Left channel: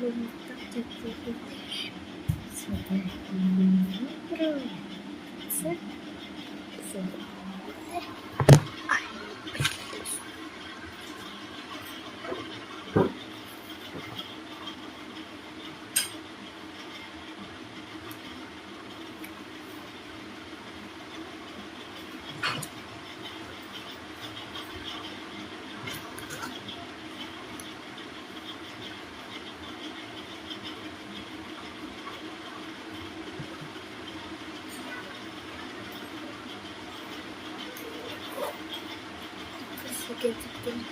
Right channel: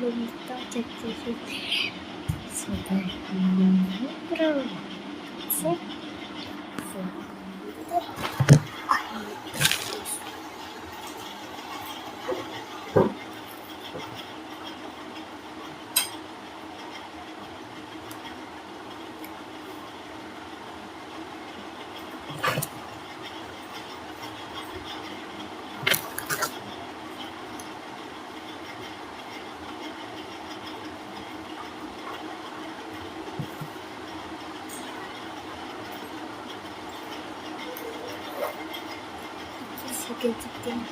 లో మొత్తం చెక్ చేసి so that no problem. So chicken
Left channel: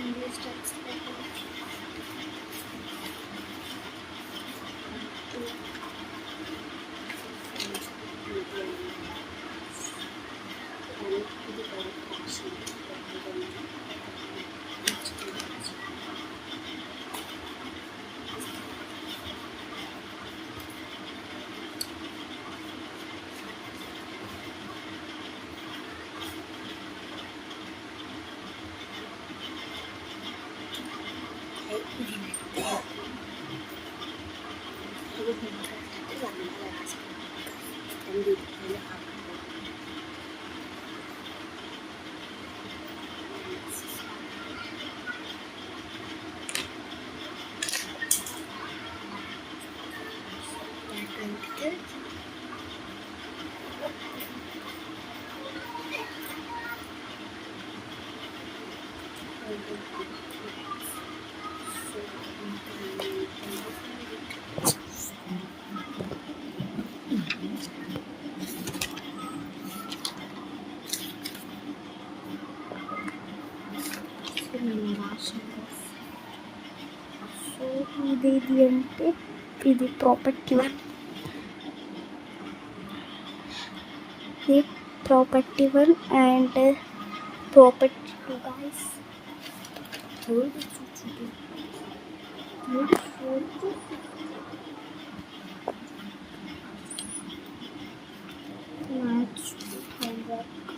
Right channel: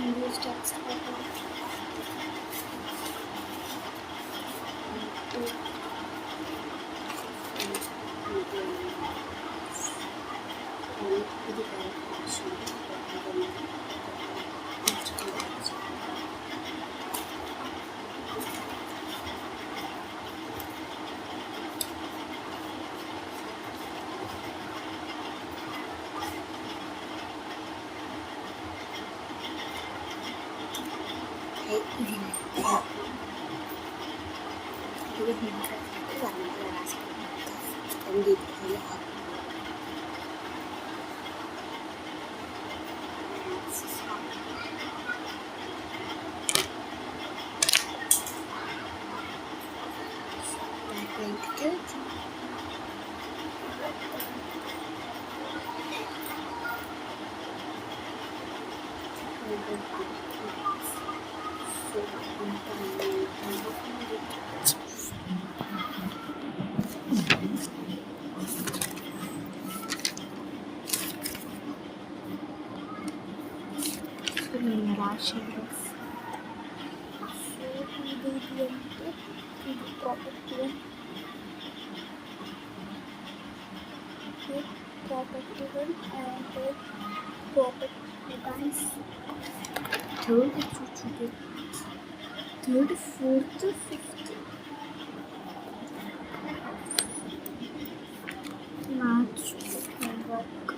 English text ఇది కరెక్ట్ ఆప్షన్. ఇది warna raspberry dan di నేను రాశాను. సో ఇదేది అంటే ఇది ప్రాపర్టీ వన్, ఇది property one and property two guys. Third fourth fifth maths homework